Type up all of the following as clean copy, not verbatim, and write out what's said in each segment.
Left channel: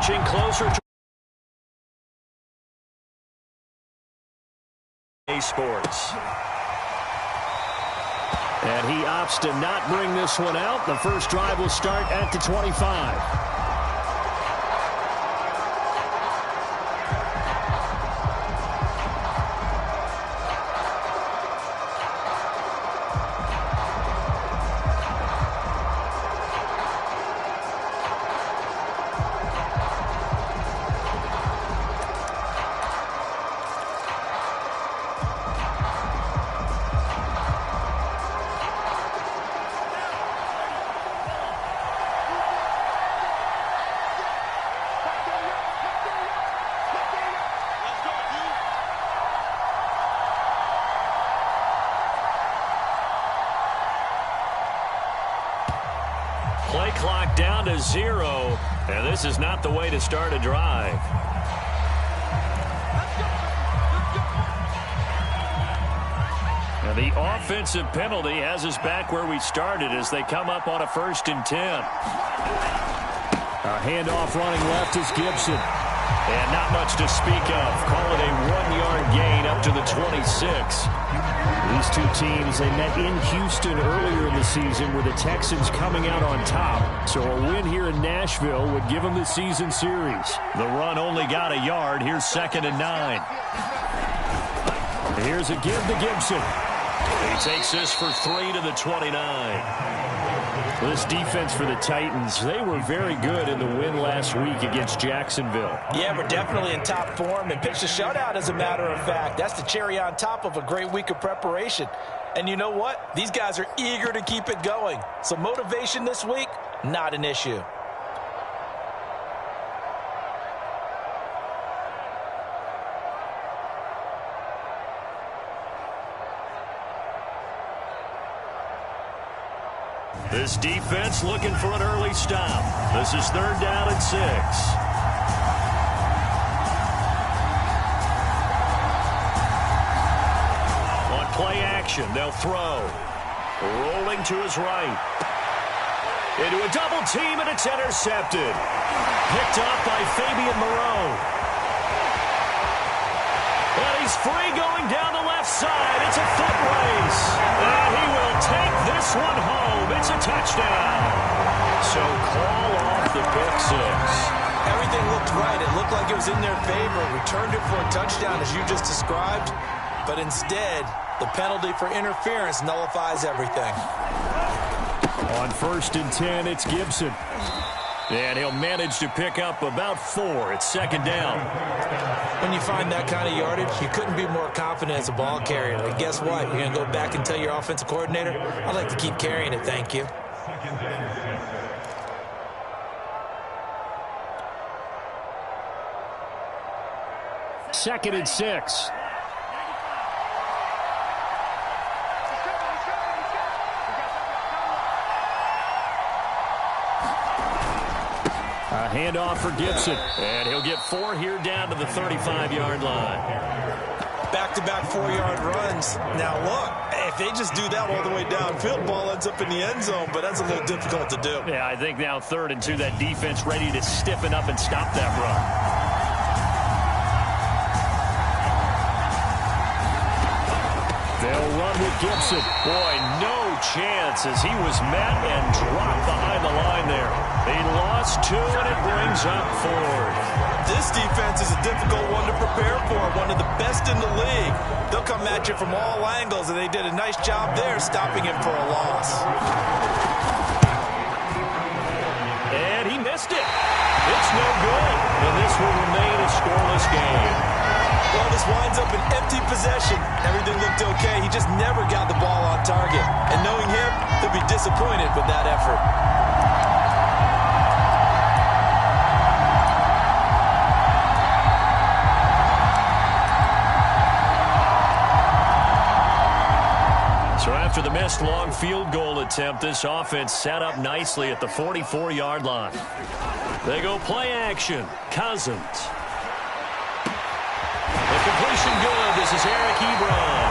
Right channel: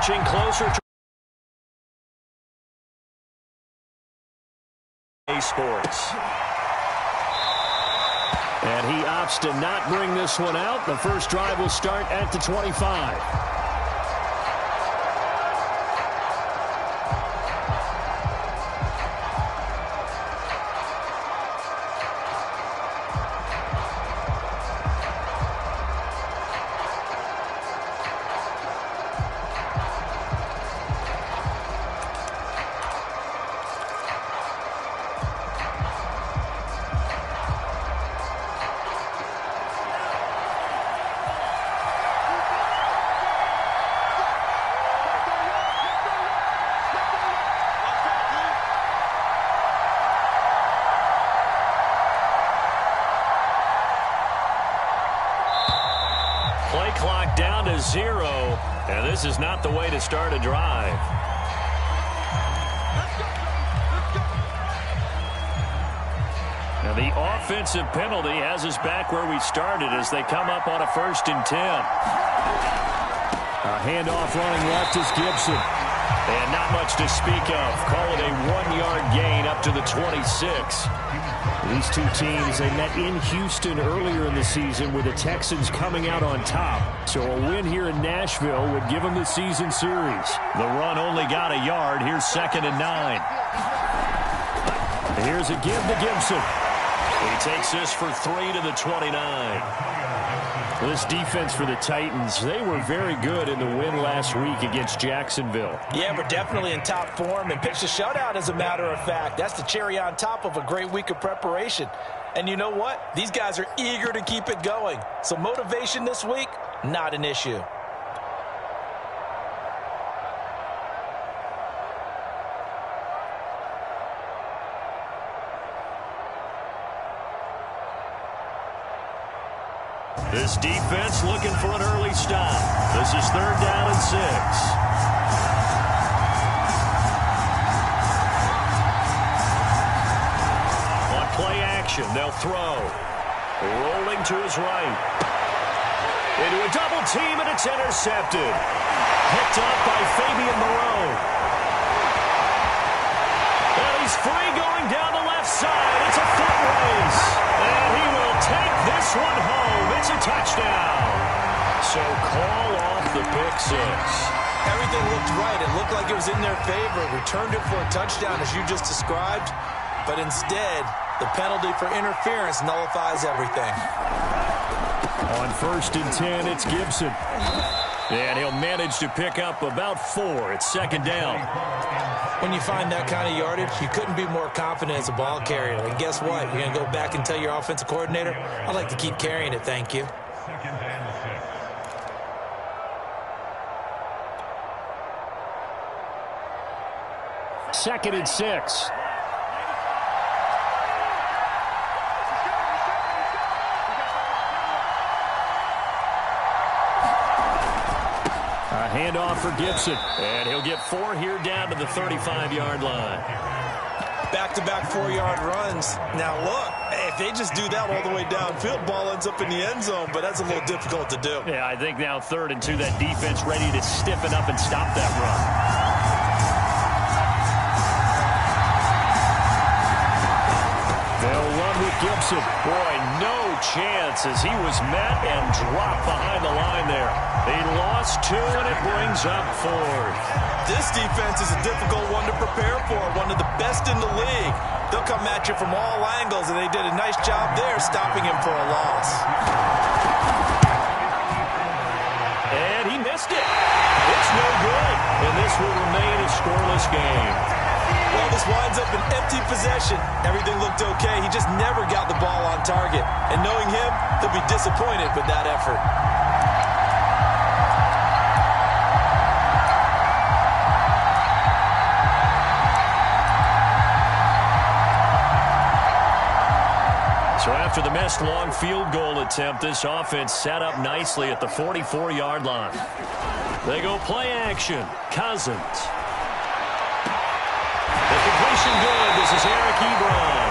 marching closer to Sports. And he opts to not bring this one out. The first drive will start at the 25. Play clock down to 0, and this is not the way to start a drive. Now the offensive penalty has us back where we started as they come up on a 1st and 10. A handoff running left is Gibson. And not much to speak of. Call it a 1-yard gain up to the 26. These two teams, they met in Houston earlier in the season with the Texans coming out on top. So a win here in Nashville would give them the season series. The run only got a yard. Here's 2nd and 9. Here's a give to Gibson. He takes this for 3 to the 29. This defense for the Titans, they were very good in the win last week against Jacksonville. Yeah, we're definitely in top form and pitched a shutout, as a matter of fact. That's the cherry on top of a great week of preparation. And you know what? These guys are eager to keep it going. So motivation this week, not an issue. This defense looking for an early stop. This is 3rd down and 6. On play action, they'll throw. Rolling to his right. Into a double team, and it's intercepted. Picked up by Fabian Moreau. And he's free going down the left side. It's a foot race. And he will take this one home. It's a touchdown. So call off the pick 6. Everything looked right. It looked like it was in their favor. Returned it for a touchdown, as you just described. But instead, the penalty for interference nullifies everything. On 1st and 10, it's Gibson. And he'll manage to pick up about 4. It's 2nd down. When you find that kind of yardage, you couldn't be more confident as a ball carrier. And guess what? You're going to go back and tell your offensive coordinator, I'd like to keep carrying it, thank you. 2nd and 6. A handoff for Gibson. And he'll get 4 here down to the 35-yard line. Back-to-back 4-yard runs. Now, look, if they just do that all the way downfield, ball ends up in the end zone, but that's a little difficult to do. Yeah, I think now 3rd and 2, that defense ready to stiffen up and stop that run. They'll run with Gibson. Boy, no chance as he was met and dropped behind the line there. He lost 2, and it brings up 4th. This defense is a difficult one to prepare for, one of the best in the league. They'll come at you from all angles, and they did a nice job there stopping him for a loss. And he missed it. It's no good, and this will remain a scoreless game. Well, this winds up an empty possession. Everything looked okay. He just never got the ball on target. And knowing him, he'll be disappointed with that effort. So after the missed long field goal attempt, this offense set up nicely at the 44-yard line. They go play action. Cousins. The completion good. This is Eric Ebron.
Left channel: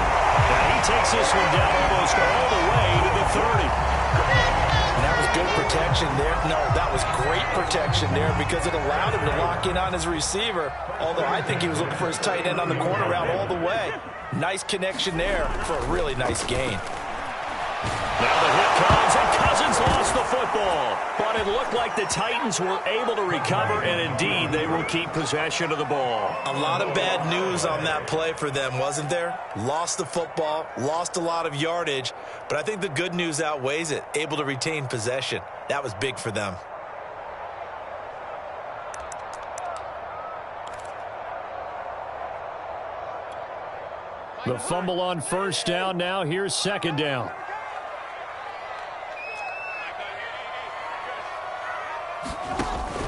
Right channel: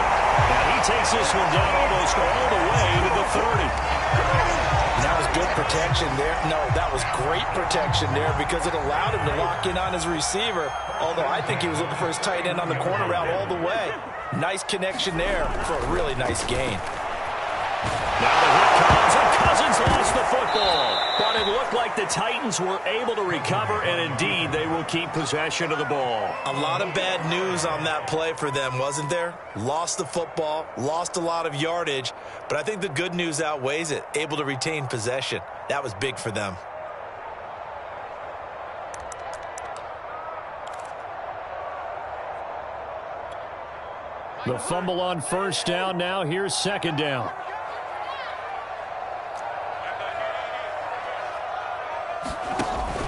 Now he takes this one down almost all the way to the 30. And that was good protection there. No, that was great protection there because it allowed him to lock in on his receiver, although I think he was looking for his tight end on the corner route all the way. Nice connection there for a really nice gain. Now the hit comes, and Cousins lost the football. But it looked like the Titans were able to recover, and indeed, they will keep possession of the ball. A lot of bad news on that play for them, wasn't there? Lost the football, lost a lot of yardage, but I think the good news outweighs it. Able to retain possession. That was big for them. The fumble on first down. Now here's second down.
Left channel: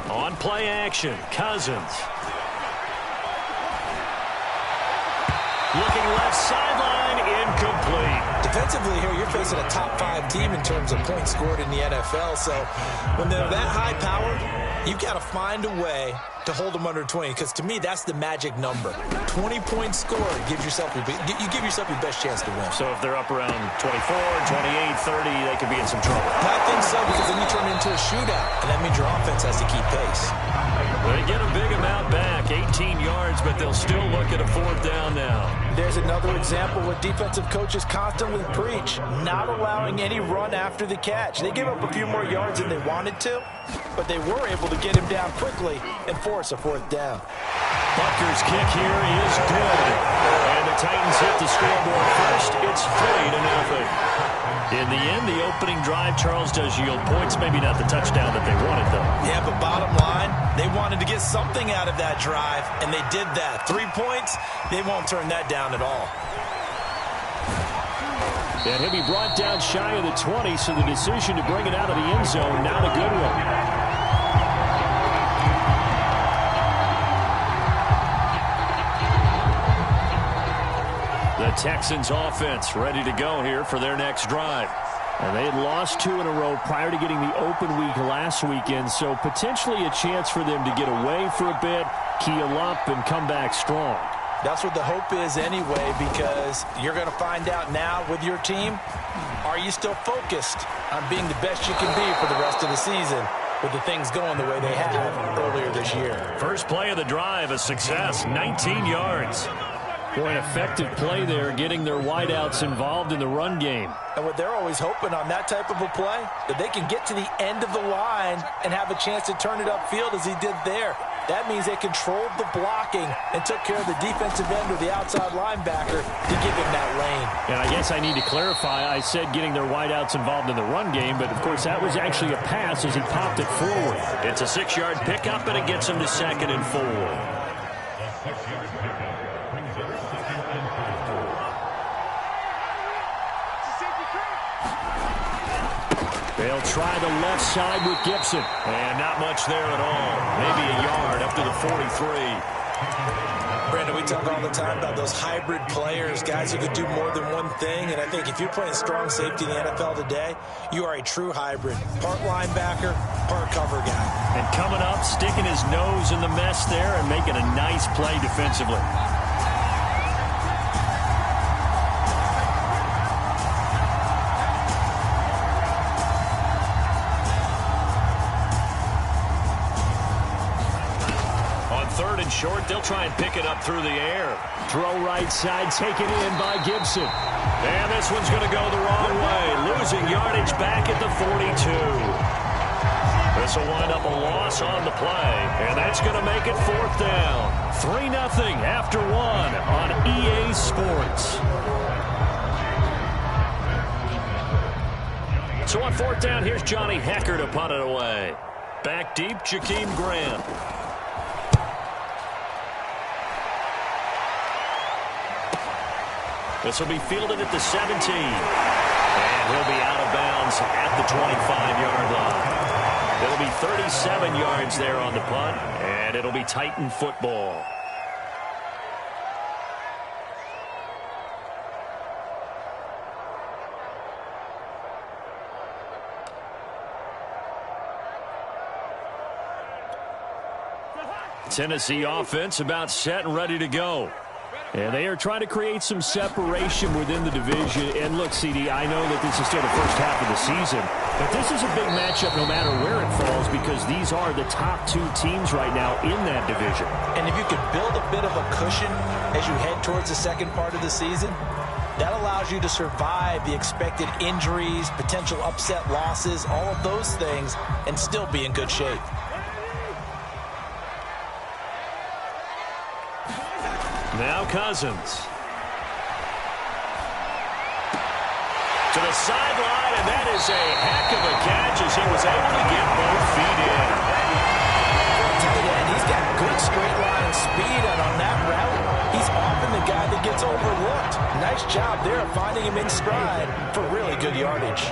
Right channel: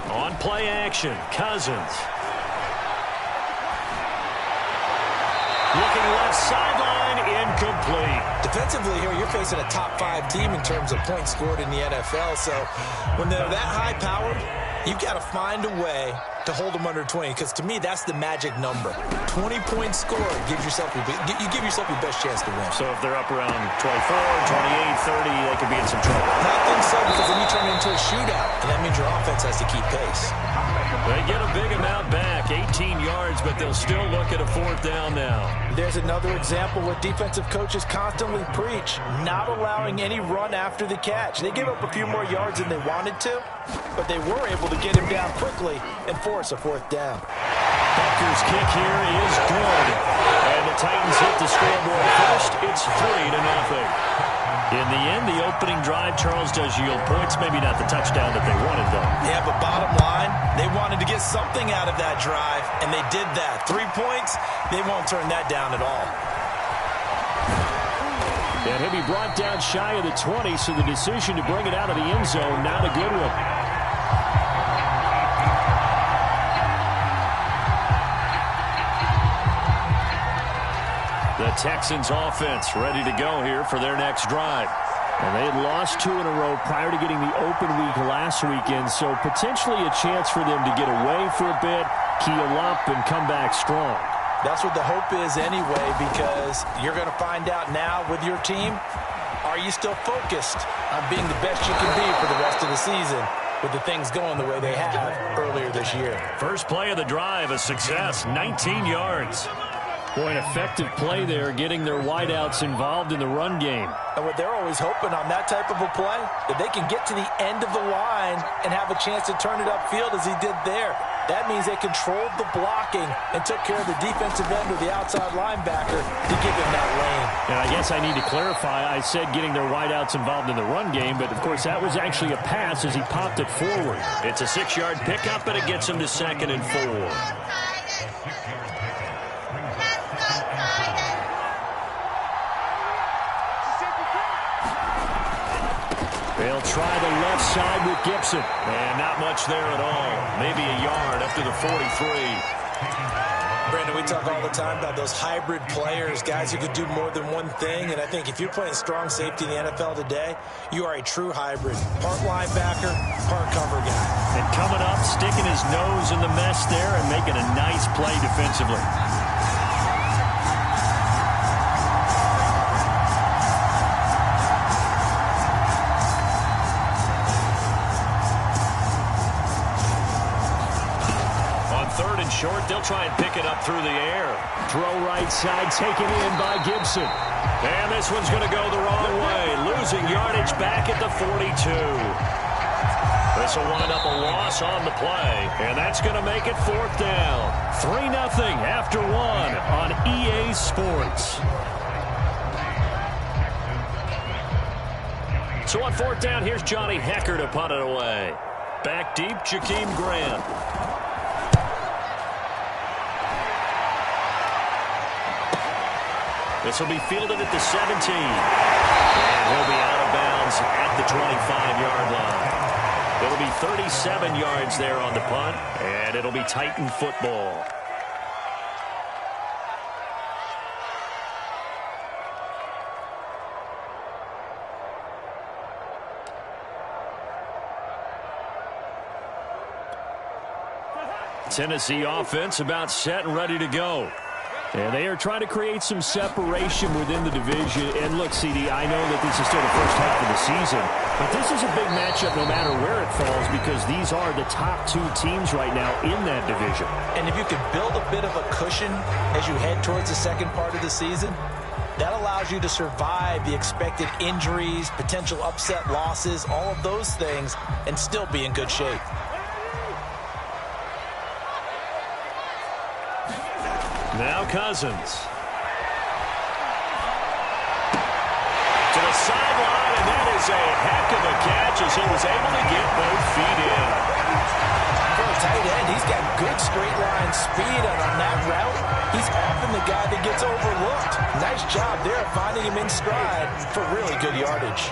On play action, Cousins. Looking left sideline, incomplete. Defensively here, you're facing a top 5 team in terms of points scored in the NFL. So when they're that high powered, you've got to find a way to hold them under 20, because to me, that's the magic number. 20 points scored gives yourself you give yourself your best chance to win. So if they're up around 24, 28, 30, they could be in some trouble. I think so, because then you turn it into a shootout, and that means your offense has to keep pace. They get a big amount back, 18 yards, but they'll still look at a fourth down now. There's another example what defensive coaches constantly preach, not allowing any run after the catch. They give up a few more yards than they wanted to, but they were able to get him down quickly and force a fourth down. Butker's kick here is good. And the Titans hit the scoreboard first. It's 3-0. In the end, the opening drive, Charles, does yield points. Maybe not the touchdown that they wanted, though. Yeah, but bottom line, they wanted to get something out of that drive, and they did that. 3 points, they won't turn that down at all. And he'll be brought down shy of the 20, so the decision to bring it out of the end zone, not a good one. The Texans offense ready to go here for their next drive. And they had lost 2 in a row prior to getting the open week last weekend, so potentially a chance for them to get away for a bit, keel up, and come back strong. That's what the hope is anyway, because you're going to find out now with your team, are you still focused on being the best you can be for the rest of the season with the things going the way they have earlier this year? First play of the drive, a success, 19 yards. Boy, an effective play there, getting their wideouts involved in the run game. And what they're always hoping on that type of a play, that they can get to the end of the line and have a chance to turn it upfield as he did there. That means they controlled the blocking and took care of the defensive end or the outside linebacker to give him that lane. And I guess I need to clarify, I said getting their wideouts involved in the run game, but of course that was actually a pass as he popped it forward. It's a 6-yard pickup, and it gets him to 2nd and 4. They'll try the left side with Gibson. And not much there at all. Maybe a yard up to the 43. Brandon, we talk all the time about those hybrid players, guys who could do more than one thing. And I think if you're playing strong safety in the NFL today, you are a true hybrid. Part linebacker, part cover guy. And coming up, sticking his nose in the mess there and making a nice play defensively. Third and short, they'll try and pick it up through the air. Throw right side, taken in by Gibson. And this one's going to go the wrong way. Losing yardage back at the 42. This will wind up a loss on the play. And that's going to make it 4th down. 3-0 after 1 on EA Sports. So on 4th down, here's Johnny Hecker to punt it away. Back deep, Jakeem Grant. This will be fielded at the 17. And he'll be out of bounds at the 25-yard line. It'll be 37 yards there on the punt, and it'll be Titan football. Tennessee offense about set and ready to go. And they are trying to create some separation within the division. And look, CD, I know that this is still the first half of the season, but this is a big matchup no matter where it falls because these are the top two teams right now in that division. And if you could build a bit of a cushion as you head towards the second part of the season, that allows you to survive the expected injuries, potential upset losses, all of those things, and still be in good shape. Now Cousins. To the sideline, and that is a heck of a catch as he was able to get both feet in. For a tight end, he's got good straight line speed, and on that route, he's often the guy that gets overlooked. Nice job there finding him in stride for really good yardage.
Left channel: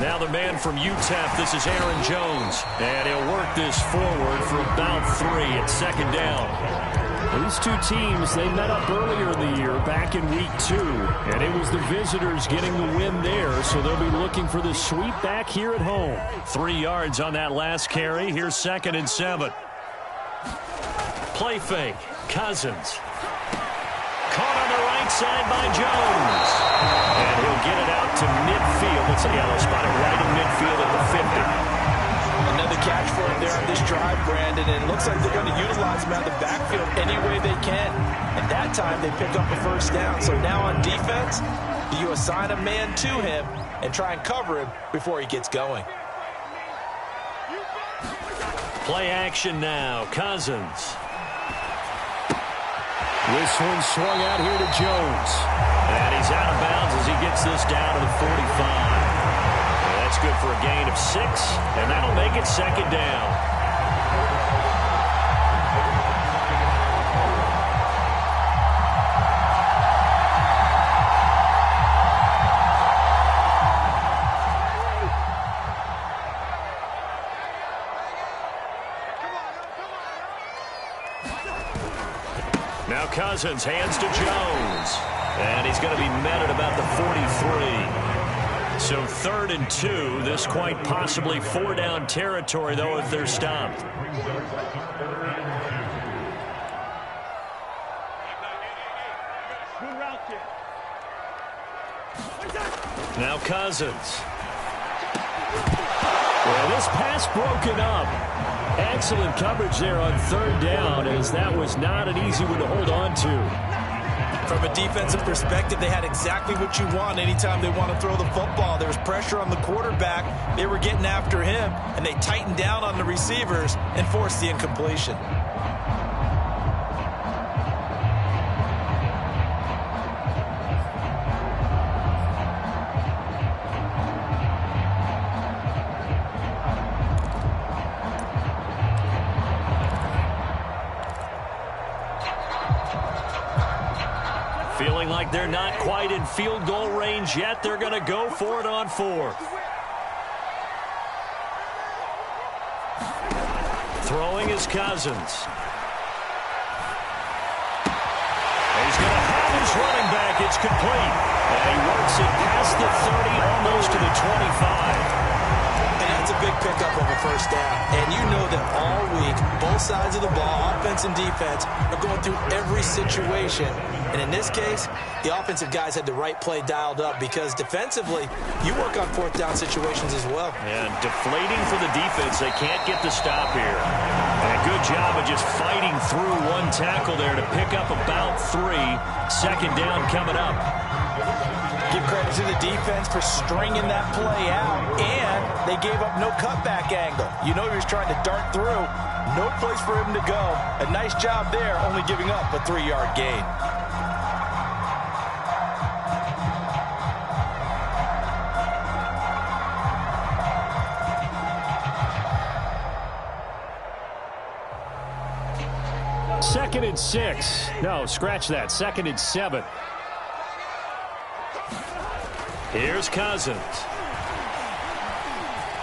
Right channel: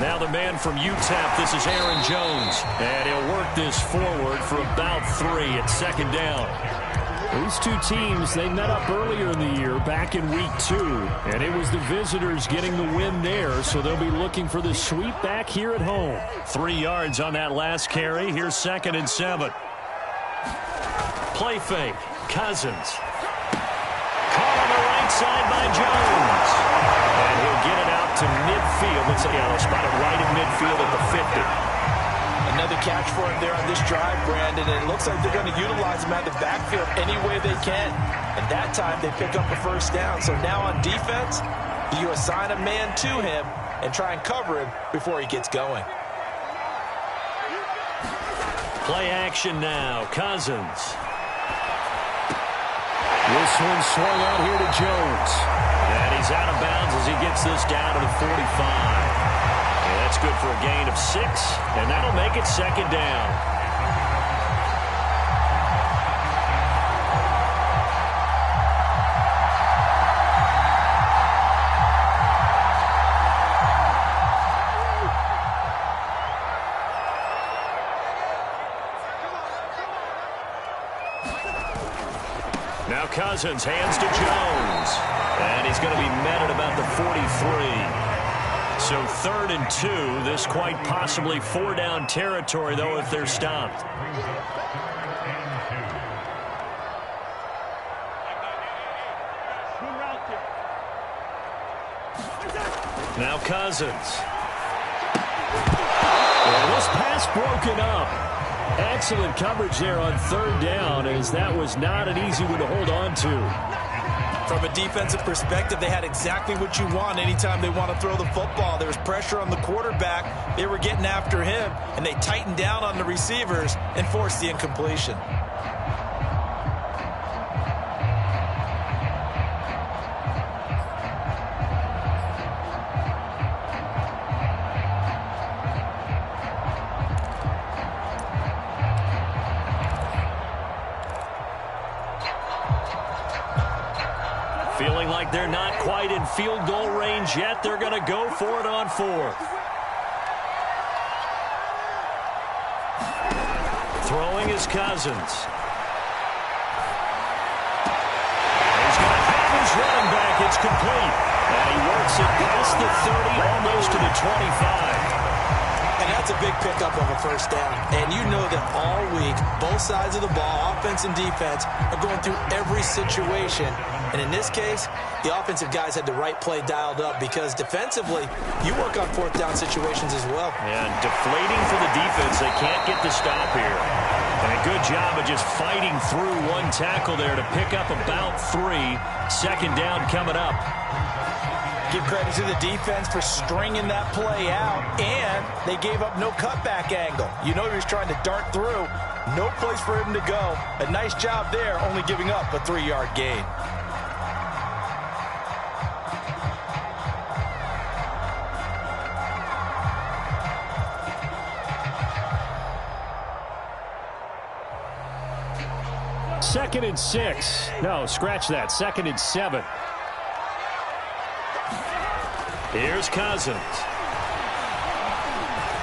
Now the man from UTEP, this is Aaron Jones. And he'll work this forward for about 3 at second down. These two teams, they met up earlier in the year, back in week 2. And it was the visitors getting the win there, so they'll be looking for the sweep back here at home. 3 yards on that last carry. Here's 2nd and 7. Play fake. Cousins. Caught on the right side by Jones. And he'll get it out to midfield. Looks like, they'll spot it right in midfield at the 50. Another catch for him there on this drive, Brandon, and it looks like they're going to utilize him out of the backfield any way they can. And that time they pick up a first down. So now on defense, you assign a man to him and try and cover him before he gets going. Play action now. Cousins. This one swung out here to Jones. And he's out of bounds as he gets this down to the 45. And that's good for a gain of 6. And that'll make it 2nd down. Now Cousins hands to Jones. And he's going to be met at about the 43. So 3rd and 2. This quite possibly 4-down territory, though, if they're stopped. Now Cousins. Yeah, this pass broken up. Excellent coverage there on 3rd down, as that was not an easy one to hold on to. From a defensive perspective, they had exactly what you want anytime they want to throw the football. There was pressure on the quarterback. They were getting after him, and they tightened down on the receivers and forced the incompletion. Feeling like they're not quite in field goal range yet. They're going to go for it on 4th. Throwing is Cousins. He's going to have his running back. It's complete. And he works it past the 30, almost to the 25. And that's a big pickup of a first down. And you know that all week, both sides of the ball, offense and defense, are going through every situation. And in this case, the offensive guys had the right play dialed up because defensively, you work on 4th down situations as well. And deflating for the defense. They can't get the stop here. And a good job of just fighting through one tackle there to pick up about 3. 2nd down coming up. Give credit to the defense for stringing that play out, and they gave up no cutback angle. You know he was trying to dart through. No place for him to go. A nice job there, only giving up a 3-yard gain. Second and 6. No, scratch that. 2nd and 7. Here's Cousins.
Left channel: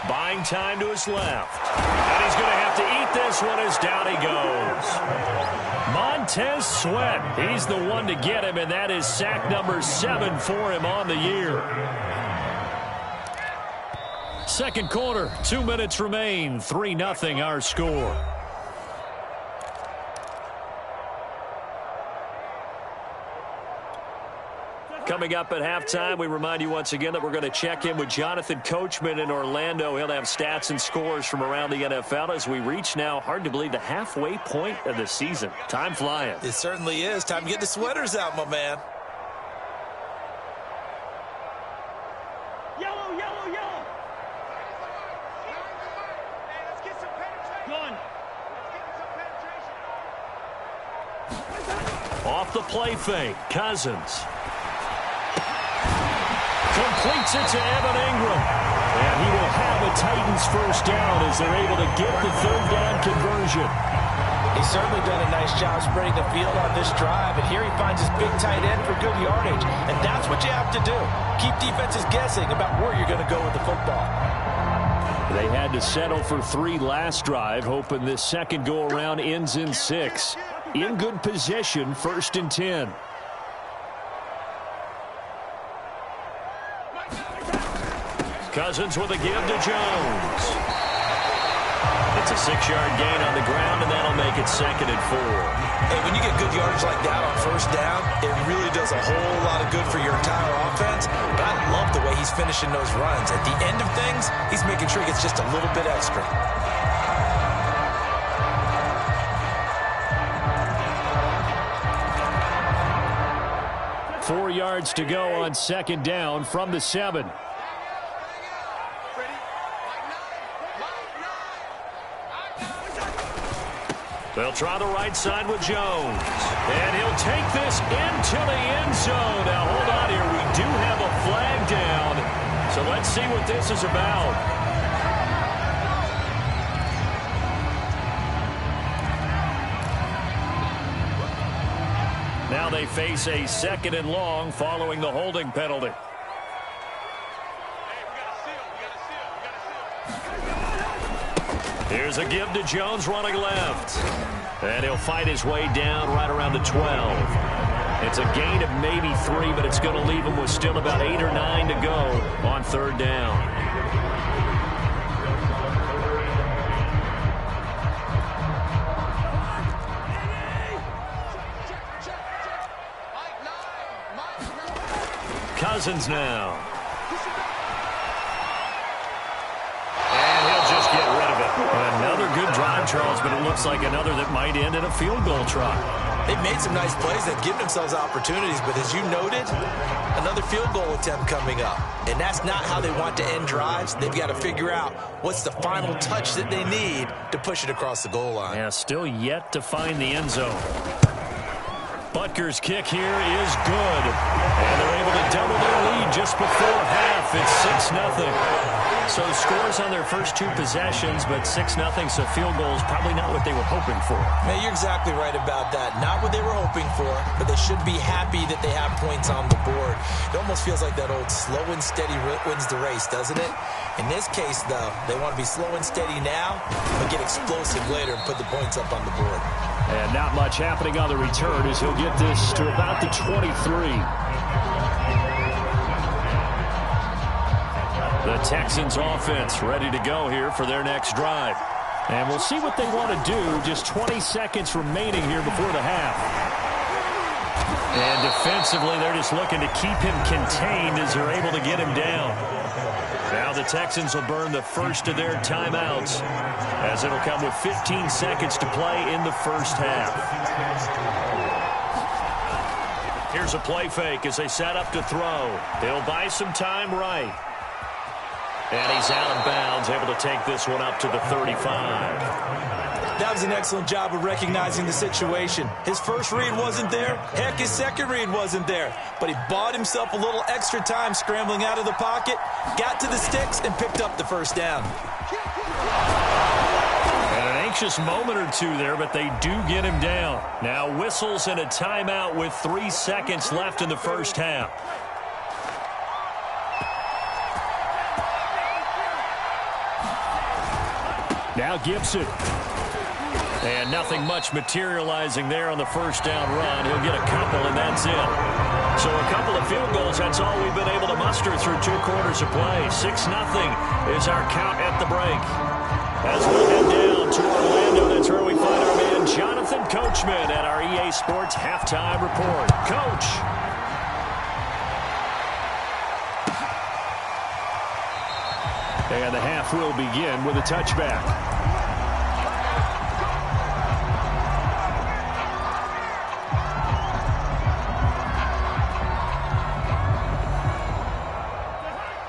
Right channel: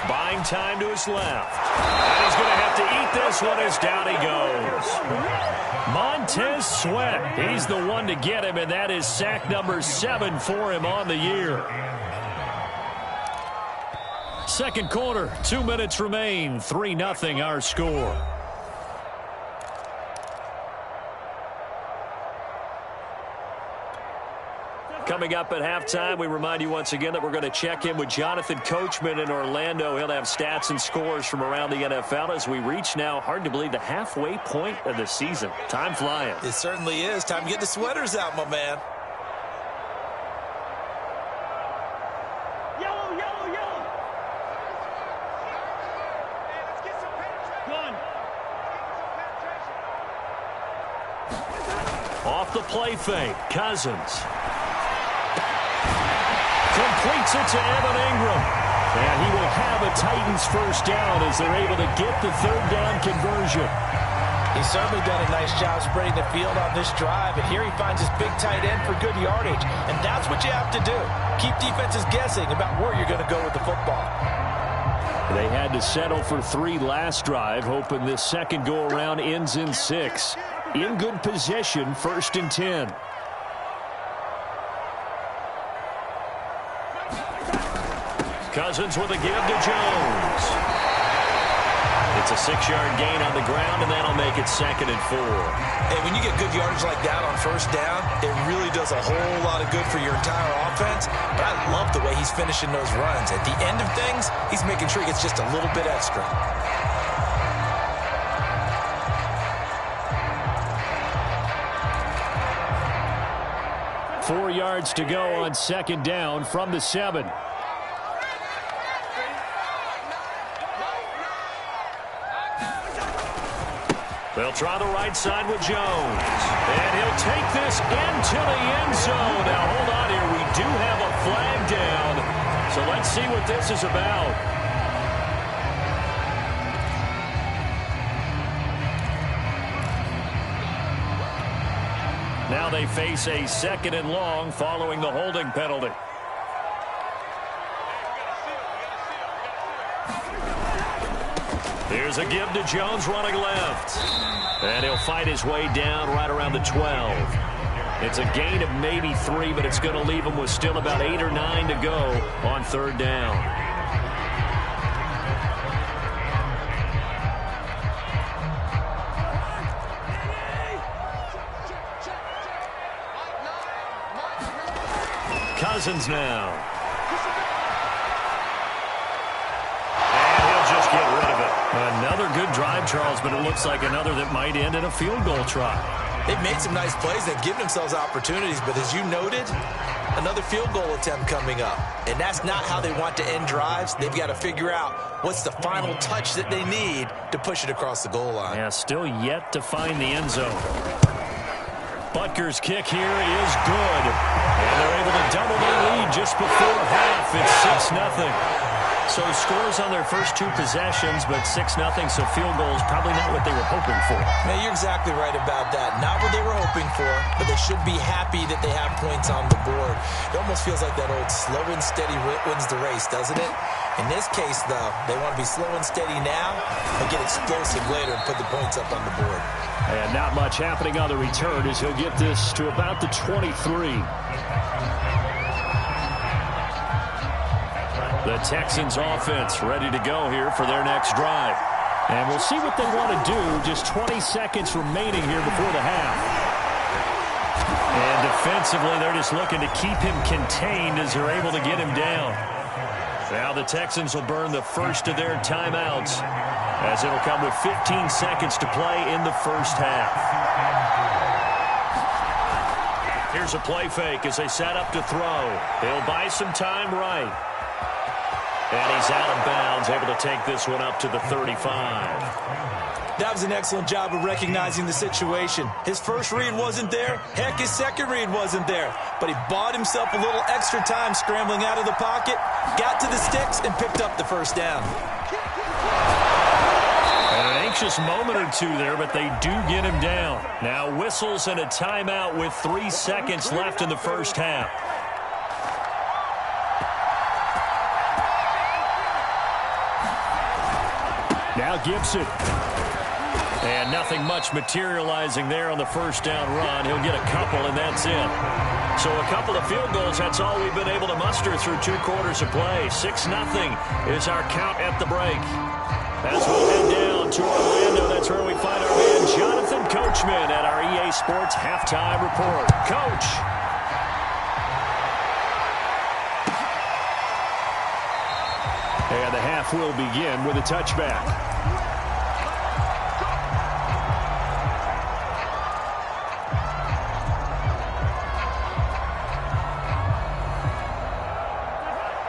Buying time to his left. And he's going to have to eat this one as down he goes. Montez Sweat. He's the one to get him, and that is sack number 7 for him on the year. Second quarter, 2 minutes remain. 3-0 our score. coming up at halftime. We remind you once again that we're going to check in with Jonathan Coachman in Orlando. He'll have stats and scores from around the NFL as we reach now, hard to believe, the halfway point of the season. Time flying. It certainly is. Time to get the sweaters out, my man. Yellow, yellow, yellow. Hey, let's get some penetration. Gun. Off the play fake, Cousins. Completes it to Evan Ingram. And he will have a Titans first down as they're able to get the third down conversion. He's certainly done a nice job spreading the field on this drive, and here he finds his big tight end for good yardage. And that's what you have to do. Keep defenses guessing about where you're going to go with the football. They had to settle for 3 last drive, hoping this second go-around ends in 6. In good position, 1st and 10. Cousins with a give to Jones. It's a 6-yard gain on the ground, and that'll make it 2nd and 4. Hey, when you get good yardage like that on first down, it really does a whole lot of good for your entire offense. But I love the way he's finishing those runs. At the end of things, he's making sure he gets just a little bit extra. Four yards to go on 2nd down from the 7. They'll try the right side with Jones. And he'll take this into the end zone. Now, hold on here. We do have a flag down. So let's see what this is about. Now they face a 2nd and long following the holding penalty. Here's a give to Jones running left. And he'll fight his way down right around the 12. It's a gain of maybe 3, but it's going to leave him with still about 8 or 9 to go on 3rd down. Cousins now. And he'll just get rid of it. Another good drive, Charles, but it looks like another that might end in a field goal try. They've made some nice plays. They've given themselves opportunities, but as you noted, another field goal attempt coming up. And that's not how they want to end drives. They've got to figure out what's the final touch that they need to push it across the goal line. Yeah, still yet to find the end zone. Butker's kick here is good. And they're able to double their lead just before half. It's 6-0. So scores on their first 2 possessions, but 6-0, so field goals probably not what they were hoping for. Man, you're exactly right about that. Not what they were hoping for, but they should be happy that they have points on the board. It almost feels like that old slow and steady wins the race, doesn't it? In this case, though, they want to be slow and steady now, but get explosive later and put the points up on the board. And not much happening on the return as he'll get this to about the 23. The Texans offense ready to go here for their next drive. And we'll see what they want to do. Just 20 seconds remaining here before the half. And defensively, they're just looking to keep him contained as they're able to get him down. Now the Texans will burn the first of their timeouts as it'll come with 15 seconds to play in the first half. Here's a play fake as they set up to throw. They'll buy some time right. And he's out of bounds, able to take this one up to the 35. That was an excellent job of recognizing the situation. His first read wasn't there. Heck, his second read wasn't there. But he bought himself a little extra time scrambling out of the pocket, got to the sticks, and picked up the first down. And an anxious moment or two there, but they do get him down. Now whistles and a timeout with 3 seconds left in the first half. Now Gibson. And nothing much materializing there on the first down run. He'll get a couple, and that's it. So a couple of field goals, that's all we've been able to muster through 2 quarters of play. 6-0 is our count at the break. As we'll head down to Orlando, that's where we find our man Jonathan Coachman at our EA Sports Halftime Report. Coach. And the half will begin with a touchback.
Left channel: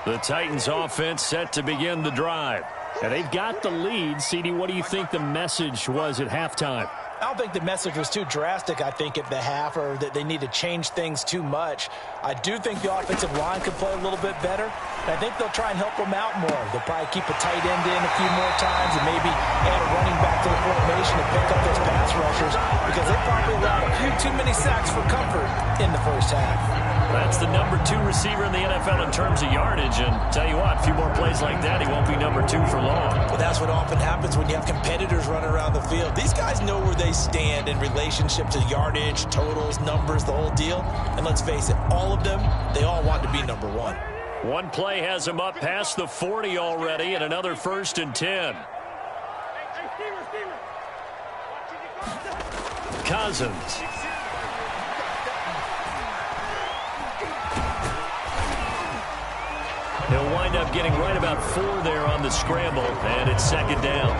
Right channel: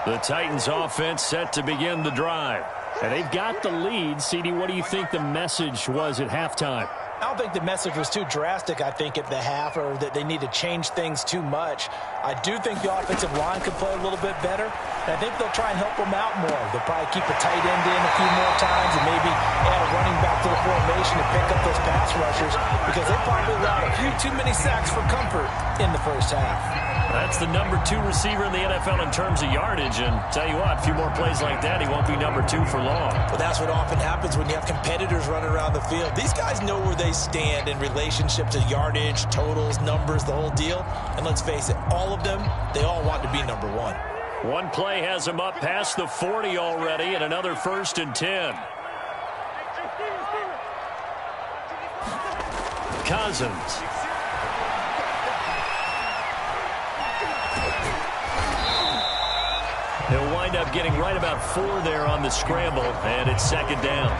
The Titans offense set to begin the drive. And they've got the lead. CD, what do you think the message was at halftime? I don't think the message was too drastic, I think, at the half, or that they need to change things too much. I do think the offensive line could play a little bit better, and I think they'll try and help them out more. They'll probably keep a tight end in a few more times and maybe add a running back to the formation and pick up those pass rushers, because they probably allowed a few too many sacks for comfort in the first half. That's the number 2 receiver in the NFL in terms of yardage, and tell you what, a few more plays like that, he won't be number 2 for long. But that's what often happens when you have competitors running around the field. These guys know where they stand in relationship to yardage, totals, numbers, the whole deal. And let's face it, all of them, they all want to be number 1. One play has him up past the 40 already, and another 1st and 10. Cousins. He'll wind up getting right about 4 there on the scramble, and it's 2nd down.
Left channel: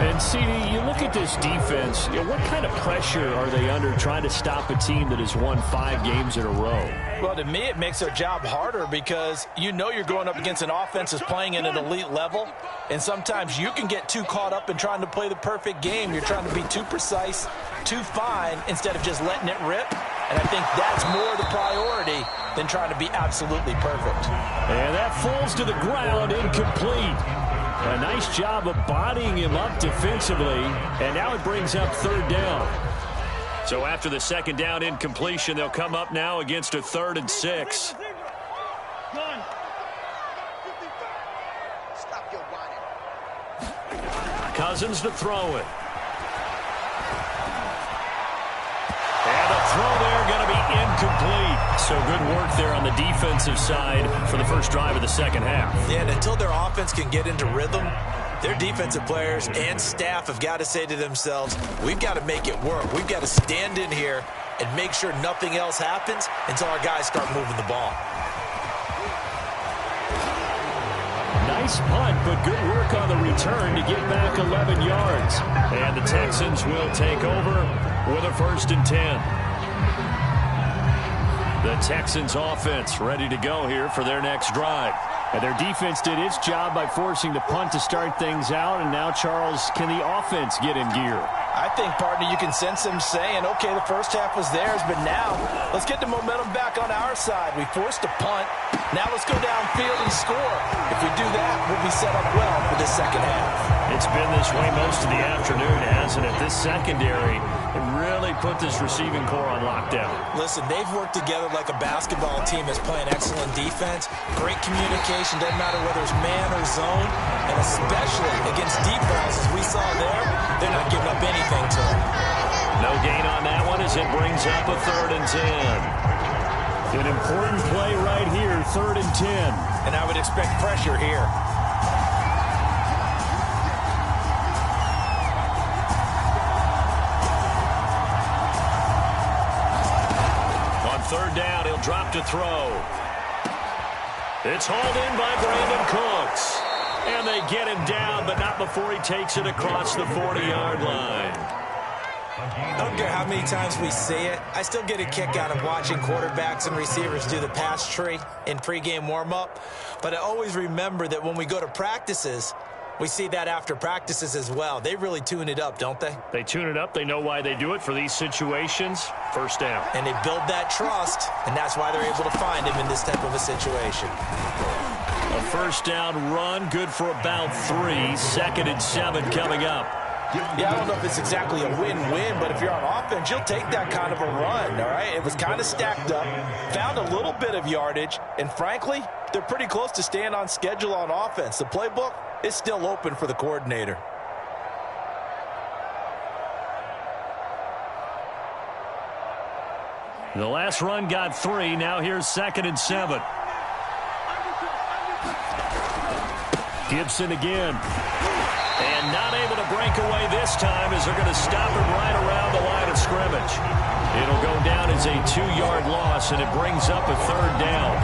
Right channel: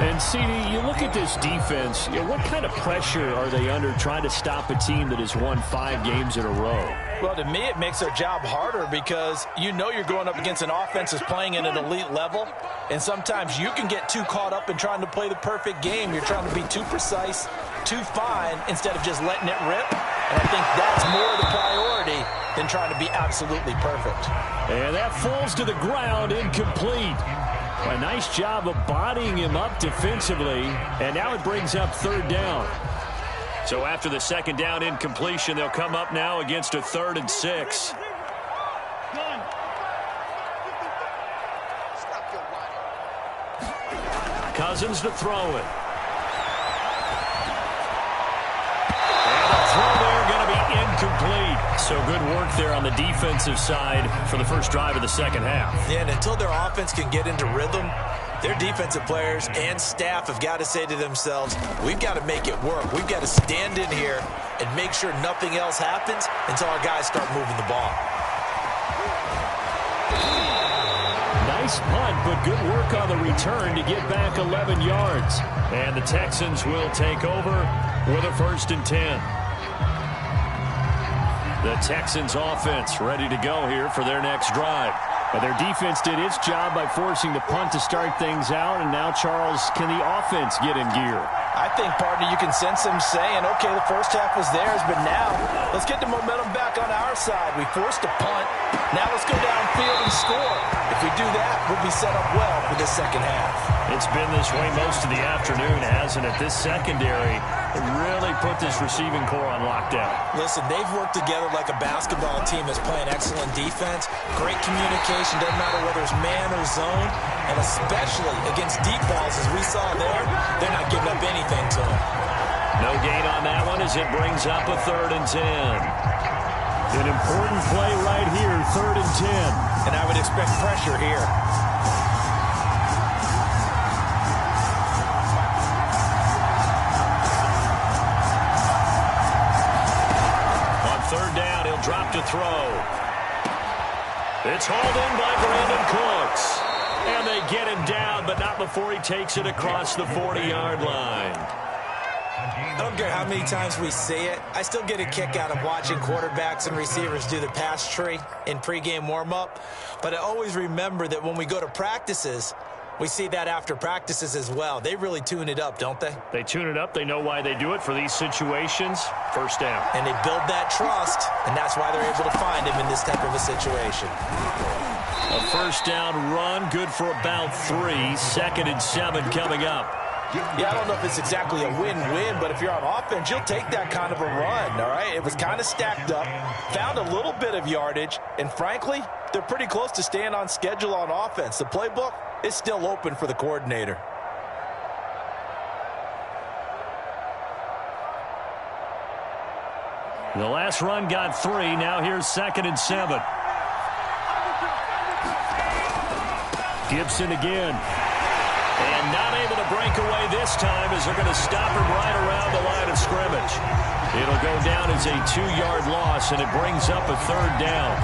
And, CD, you look at this defense, what kind of pressure are they under trying to stop a team that has won 5 games in a row? Well, to me, it makes their job harder because you know you're going up against an offense that's playing at an elite level, and sometimes you can get too caught up in trying to play the perfect game. You're trying to be too precise, too fine, instead of just letting it rip. And I think that's more the priority than trying to be absolutely perfect. And that falls to the ground, incomplete. A nice job of bodying him up defensively, and now it brings up 3rd down. So after the 2nd down incompletion, they'll come up now against a 3rd and 6. Cousins to throw it. And a throw there going to be incomplete. So good work there on the defensive side for the first drive of the 2nd half. Yeah, and until their offense can get into rhythm, their defensive players and staff have got to say to themselves, we've got to make it work. We've got to stand in here and make sure nothing else happens until our guys start moving the ball. Nice punt, but good work on the return to get back 11 yards. And the Texans will take over with a 1st and 10. The Texans offense ready to go here for their next drive. And their defense did its job by forcing the punt to start things out. And now, Charles, can the offense get in gear? I think, partner, you can sense them saying, okay, the first half was theirs, but now let's get the momentum back on our side. We forced a punt. Now let's go downfield and score. If we do that, we'll be set up well for this 2nd half. It's been this way most of the afternoon, hasn't it? This secondary, it really put this receiving core on lockdown. Listen, they've worked together like a basketball team that's playing excellent defense, great communication, doesn't matter whether it's man or zone, and especially against deep balls as we saw there, they're not giving up anything to them. No gain on that one as it brings up a 3rd and 10. An important play right here, 3rd and 10. And I would expect pressure here. On 3rd down, he'll drop to throw. It's hauled in by Brandon Cooks. And they get him down, but not before he takes it across the 40-yard line. I don't care how many times we see it. I still get a kick out of watching quarterbacks and receivers do the pass tree in pregame warm-up. But I always remember that when we go to practices, we see that after practices as well. They really tune it up, don't they? They tune it up. They know why they do it for these situations. 1st down. And they build that trust, and that's why they're able to find him in this type of a situation. A 1st down run, good for about 3. 2nd and 7 coming up. Yeah, I don't know if it's exactly a win-win, but if you're on offense, you'll take that kind of a run, all right? It was kind of stacked up, found a little bit of yardage, and frankly, they're pretty close to staying on schedule on offense. The playbook is still open for the coordinator. The last run got 3. Now here's 2nd and 7. Gibson again. And not able to break away this time as they're going to stop him right around the line of scrimmage. It'll go down as a 2-yard loss, and it brings up a 3rd down.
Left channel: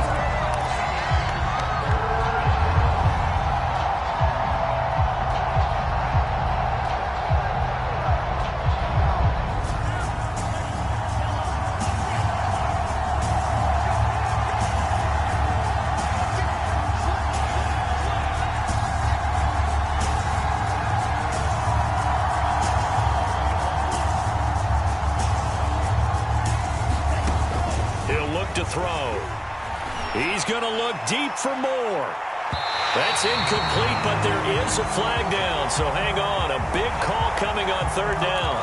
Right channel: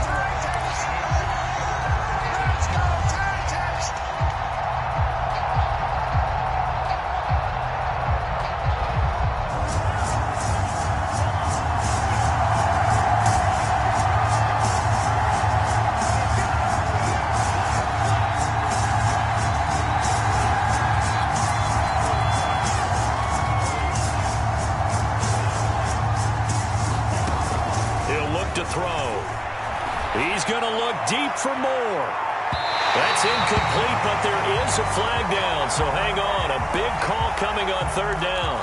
throw. He's going to look deep for more. That's incomplete, but there is a flag down, so hang on. A big call coming on third down.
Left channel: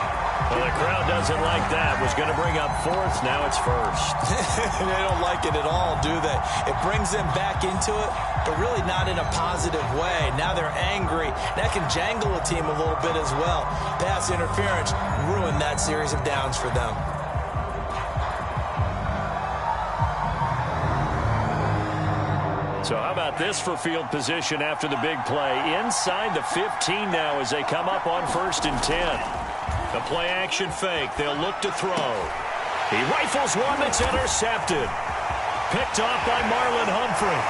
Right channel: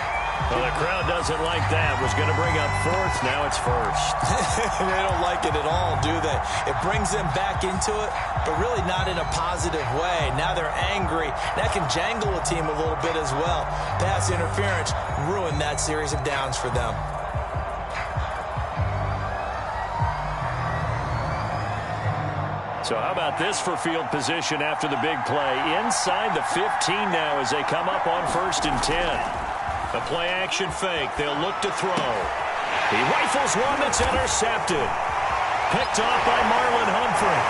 Well, the crowd doesn't like that. Was going to bring up fourth. Now it's first. They don't like it at all, do they? It brings them back into it, but really not in a positive way. Now they're angry. That can jangle a team a little bit as well. Pass interference ruined that series of downs for them. So how about this for field position after the big play? Inside the 15 now as they come up on 1st and 10. The play action fake. They'll look to throw. He rifles one that's intercepted. Picked off by Marlon Humphrey.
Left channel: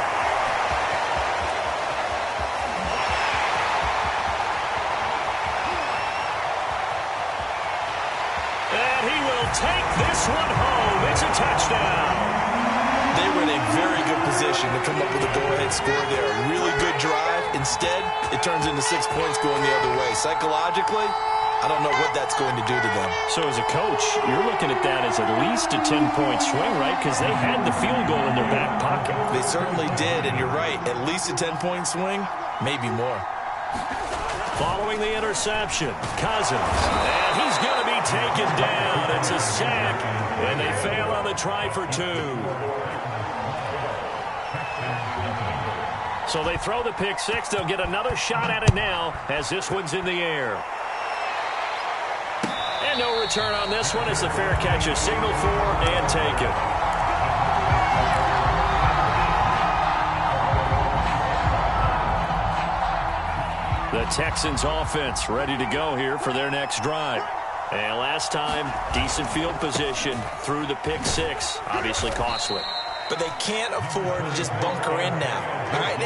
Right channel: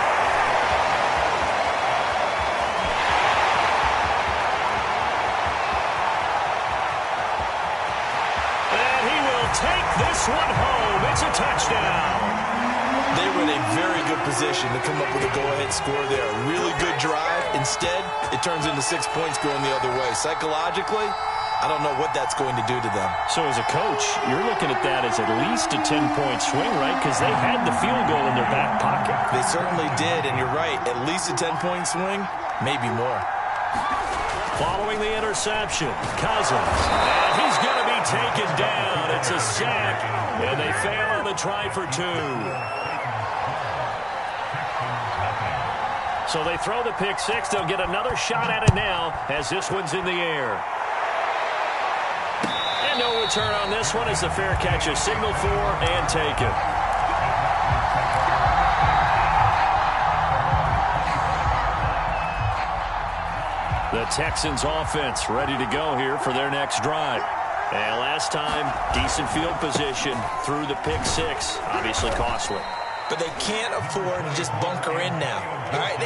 And he will take this one home. It's a touchdown. They were in a very good position to come up with a go-ahead score there. A really good drive. Instead, it turns into 6 points going the other way. Psychologically, I don't know what that's going to do to them. So as a coach, you're looking at that as at least a 10-point swing, right? Because they had the field goal in their back pocket. They certainly did, and you're right. At least a 10-point swing, maybe more. Following the interception, Cousins. And he's going to be taken down. It's a sack, and they fail on the try for 2. So they throw the pick six. They'll get another shot at it now as this one's in the air. And no return on this one as the fair catch is signaled for and taken. The Texans offense ready to go here for their next drive. And last time, decent field position through the pick six. Obviously costly. But they can't afford to just bunker in now. All right,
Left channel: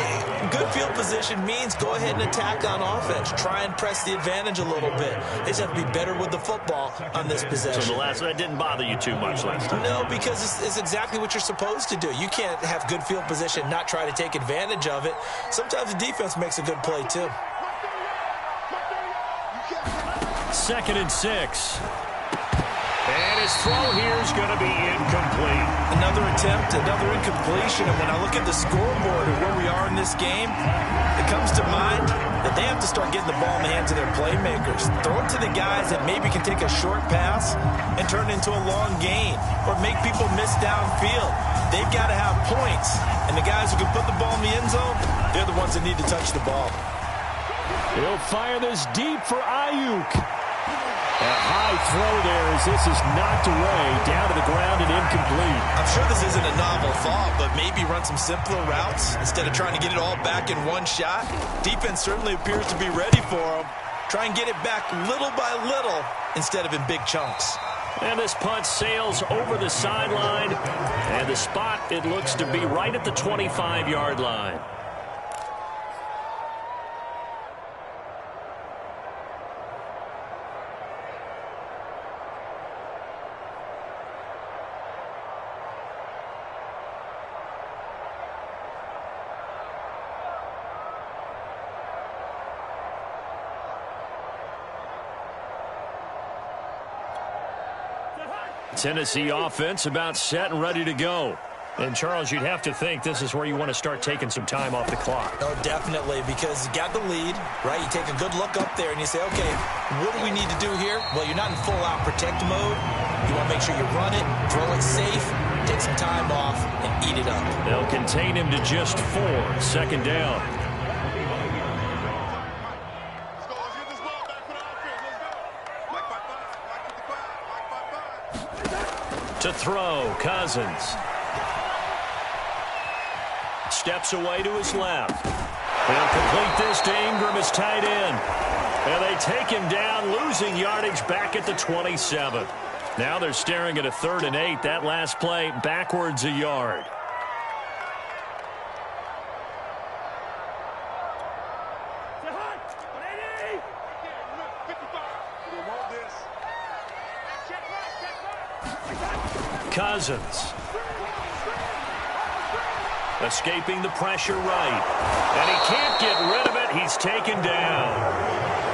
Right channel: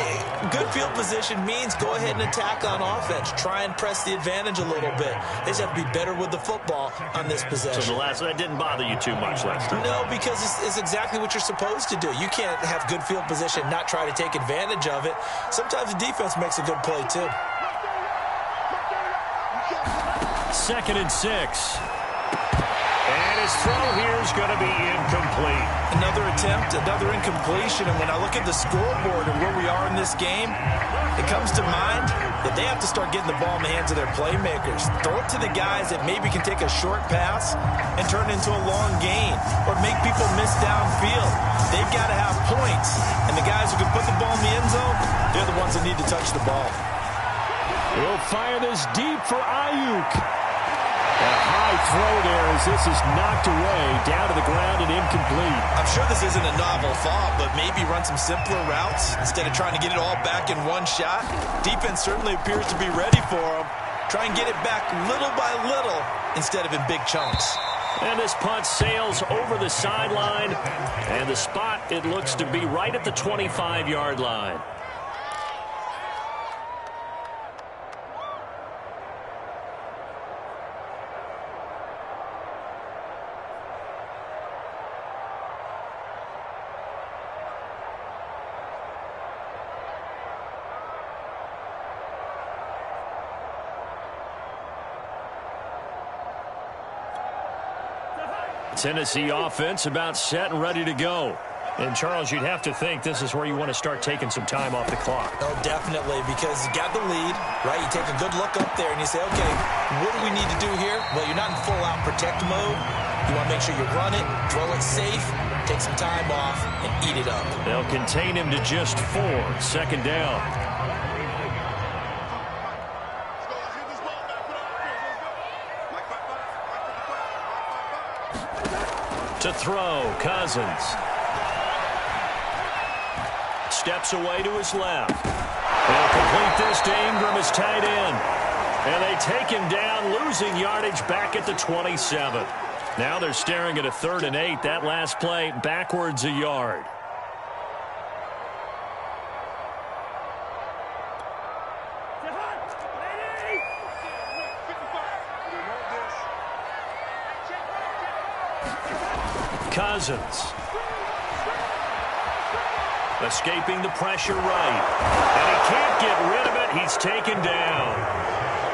good field position means go ahead and attack on offense. Try and press the advantage a little bit. They just have to be better with the football on this possession. So that didn't bother you too much last time? No, because it's exactly what you're supposed to do. You can't have good field position and not try to take advantage of it. Sometimes the defense makes a good play, too. 2nd and 6. And his throw here is going to be incomplete. Another attempt, another incompletion. And when I look at the scoreboard and where we are in this game, it comes to mind that they have to start getting the ball in the hands of their playmakers. Throw it to the guys that maybe can take a short pass and turn it into a long gain or make people miss downfield. They've got to have points. And the guys who can put the ball in the end zone, they're the ones that need to touch the ball. He'll fire this deep for Ayuk. And a high throw there as this is knocked away, down to the ground and incomplete. I'm sure this isn't a novel thought, but maybe run some simpler routes instead of trying to get it all back in one shot. Defense certainly appears to be ready for them. Try and get it back little by little instead of in big chunks. And this punt sails over the sideline. And the spot, it looks to be right at the 25-yard line. Tennessee offense about set and ready to go. And, Charles, you'd have to think this is where you want to start taking some time off the clock. Oh, definitely, because you got the lead, right? You take a good look up there and you say, okay, what do we need to do here? Well, you're not in full-out protect mode. You want to make sure you run it, throw it safe, take some time off, and eat it up. They'll contain him to just 4. 2nd down. To throw, Cousins. Steps away to his left. They'll complete this to Ingram as tight end. And they take him down, losing yardage back at the 27. Now they're staring at a 3rd and 8. That last play backwards a yard. Cousins. Escaping the pressure right. And he can't get rid of it. He's taken down.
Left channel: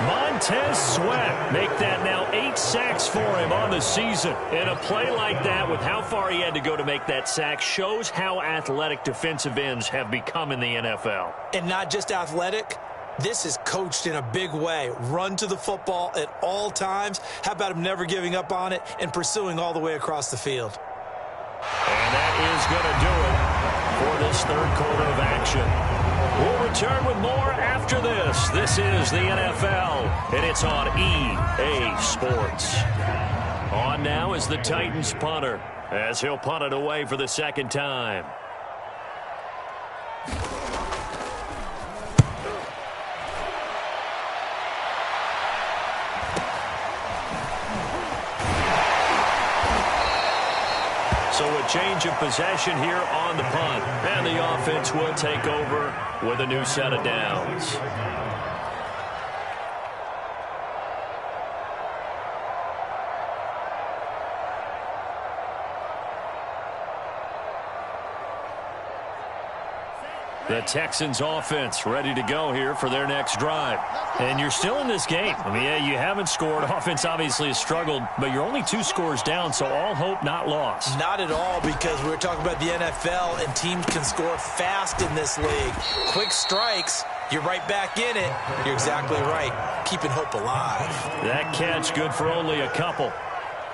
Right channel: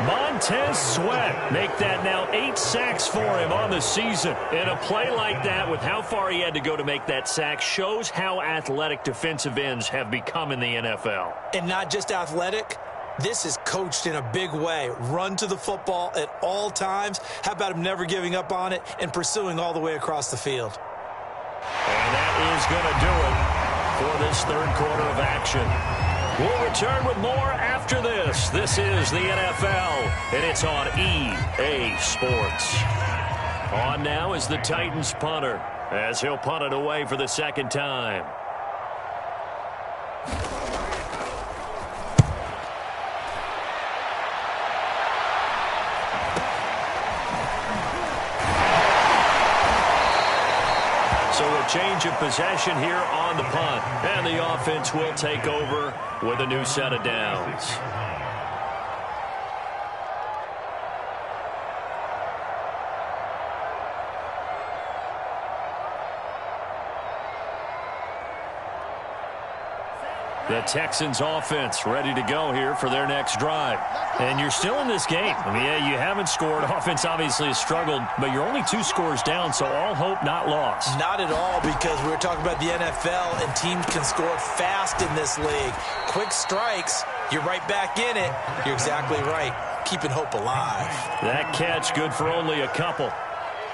Montez Sweat make that now 8 sacks for him on the season. And a play like that with how far he had to go to make that sack shows how athletic defensive ends have become in the NFL. And not just athletic. This is coached in a big way. Run to the football at all times. How about him never giving up on it and pursuing all the way across the field? And that is going to do it for this third quarter of action. We'll return with more after this. This is the NFL, and it's on EA Sports. On now is the Titans punter, as he'll punt it away for the second time. So a change of possession here on the punt. And the offense will take over with a new set of downs. The Texans offense ready to go here for their next drive. And you're still in this game. I mean, yeah, you haven't scored. Offense obviously has struggled, but you're only 2 scores down, so all hope not lost. Not at all, because we were talking about the NFL, and teams can score fast in this league. Quick strikes, you're right back in it. You're exactly right. Keeping hope alive. That catch good for only a couple.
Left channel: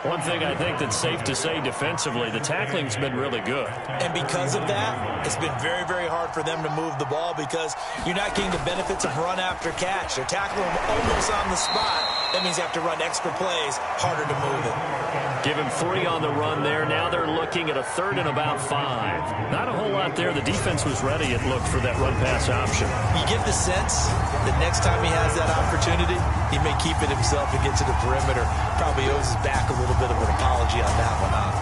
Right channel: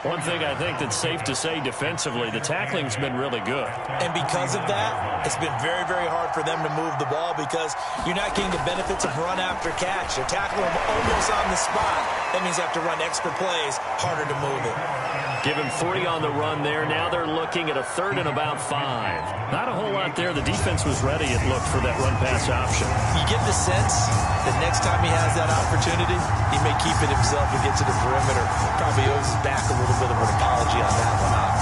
One thing I think that's safe to say defensively, the tackling's been really good. And because of that, it's been very, very hard for them to move the ball because you're not getting the benefits of run after catch. They're tackling them almost on the spot. That means you have to run extra plays, harder to move it. Give him 3 on the run there. Now they're looking at a 3rd and about 5. Not a whole lot there. The defense was ready, it looked, for that run-pass option. You get the sense that next time he has that opportunity, he may keep it himself and get to the perimeter. Probably owes his back a little bit of an apology on that one, huh?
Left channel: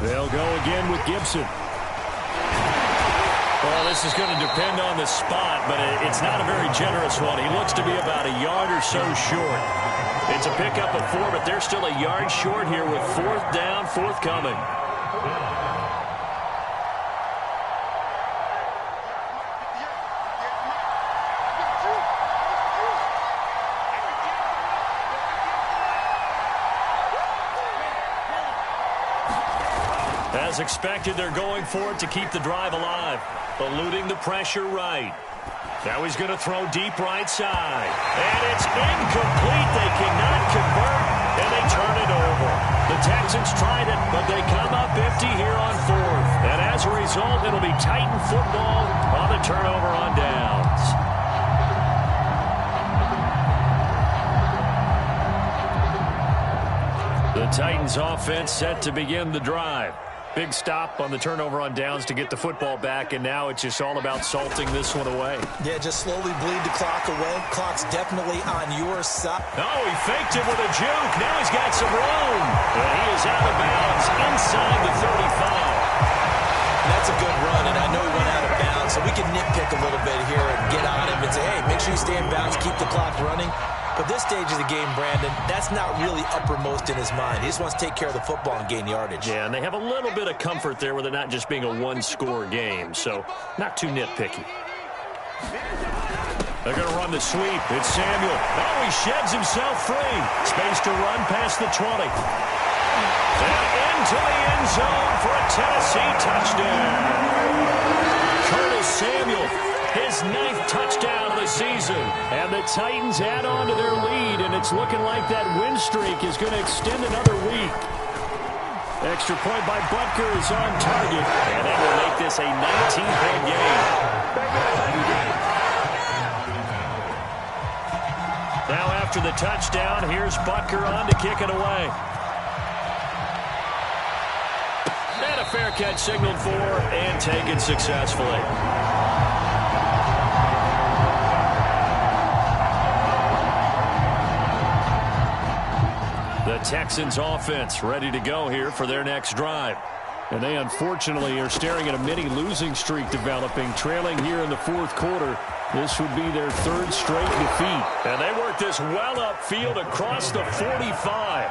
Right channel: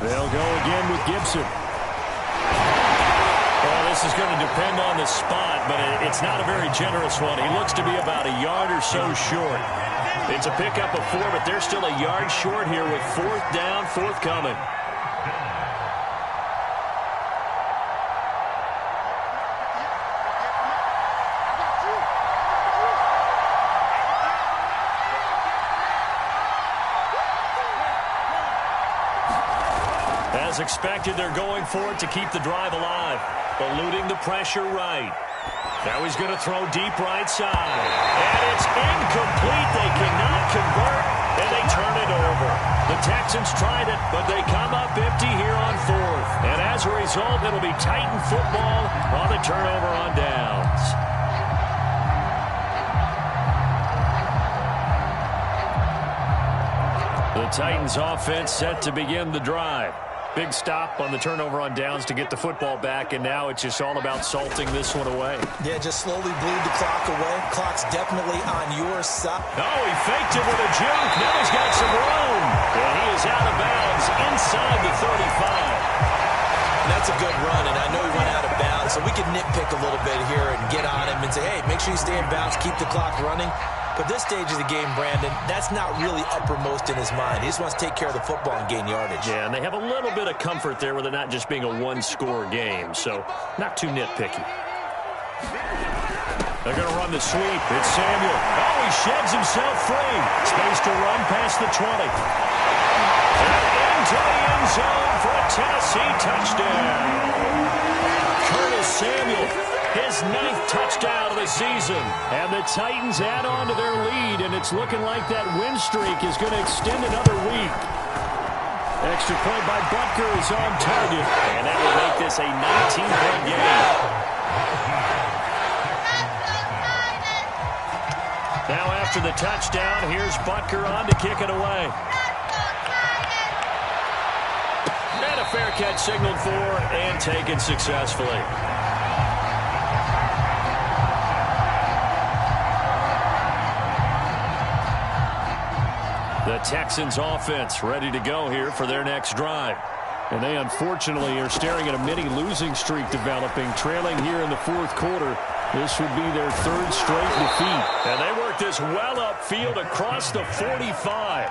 They'll go again with Gibson. Well, this is going to depend on the spot, but it's not a very generous one. He looks to be about a yard or so short. It's a pickup of 4, but they're still a yard short here with 4th down, forthcoming. As expected, they're going for it to keep the drive alive, eluding the pressure right. Now he's going to throw deep right side. And it's incomplete. They cannot convert, and they turn it over. The Texans tried it, but they come up empty here on 4th. And as a result, it'll be Titan football on the turnover on downs. The Titans offense set to begin the drive. Big stop on the turnover on downs to get the football back, and now it's just all about salting this one away. Yeah, just slowly bleed the clock away. Clock's definitely on your side. Oh, he faked it with a juke. Now he's got some room. And he is out of bounds inside the 35. And that's a good run, and I know he went out of bounds, so we can nitpick a little bit here and get on him and say, hey, make sure you stay in bounds, keep the clock running. But this stage of the game, Brandon, that's not really uppermost in his mind. He just wants to take care of the football and gain yardage. Yeah, and they have a little bit of comfort there with it not just being a one-score game, so not too nitpicky. They're going to run the sweep. It's Samuel. Oh, he sheds himself free. Space to run past the 20. And into the end zone for a Tennessee touchdown. Curtis Samuel, his 9th touchdown of the season. And the Titans add on to their lead, and it's looking like that win streak is going to extend another week. Extra point by Butker is on target, and that will make this a 19-point game. Now after the touchdown, here's Butker on to kick it away. And a fair catch signaled for and taken successfully. The Texans offense ready to go here for their next drive. And they unfortunately are staring at a mini losing streak developing, trailing here in the 4th quarter This would be their third straight defeat. And they work this well upfield across the 45.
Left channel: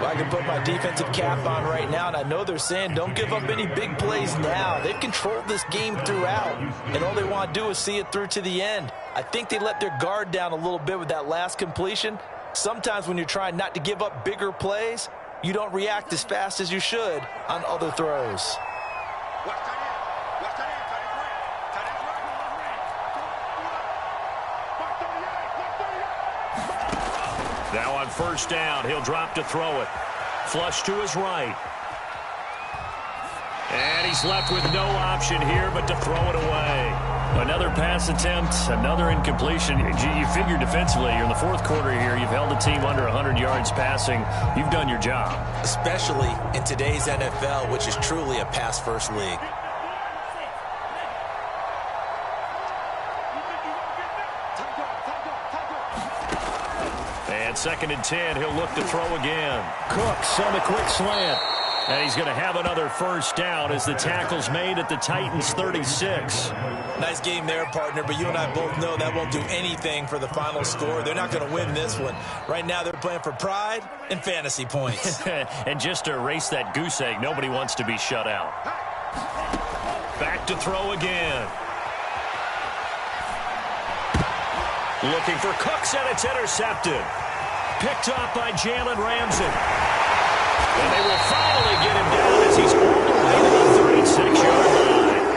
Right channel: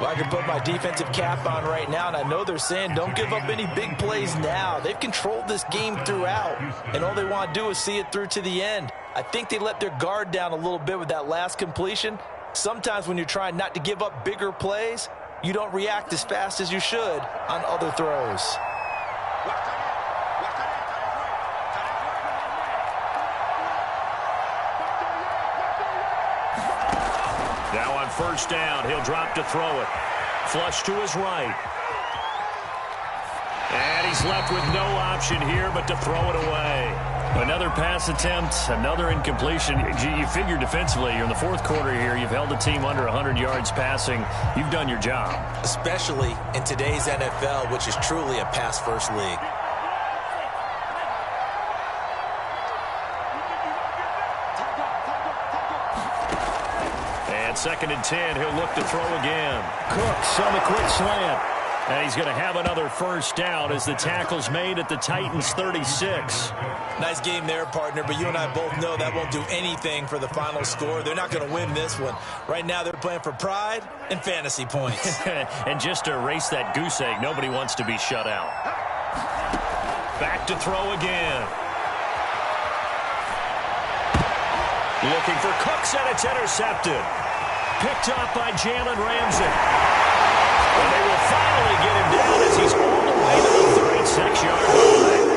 Well, I can put my defensive cap on right now, and I know they're saying don't give up any big plays now. They've controlled this game throughout, and all they want to do is see it through to the end. I think they let their guard down a little bit with that last completion. Sometimes when you're trying not to give up bigger plays, you don't react as fast as you should on other throws. Now on first down, he'll drop to throw it. Flush to his right. And he's left with no option here but to throw it away. Another pass attempt, another incompletion. You figure defensively, you're in the fourth quarter here. You've held the team under 100 yards passing. You've done your job. Especially in today's NFL, which is truly a pass-first league. And 2nd and 10, he'll look to throw again. Cooks on the quick slant. And he's going to have another first down as the tackle's made at the Titans' 36. Nice game there, partner, but you and I both know that won't do anything for the final score. They're not going to win this one. Right now, they're playing for pride and fantasy points. And just to erase that goose egg, nobody wants to be shut out. Back to throw again. Looking for Cooks, and it's intercepted. Picked up by Jalen Ramsey. And they will finally get him down as he's all the way to the 36-yard line.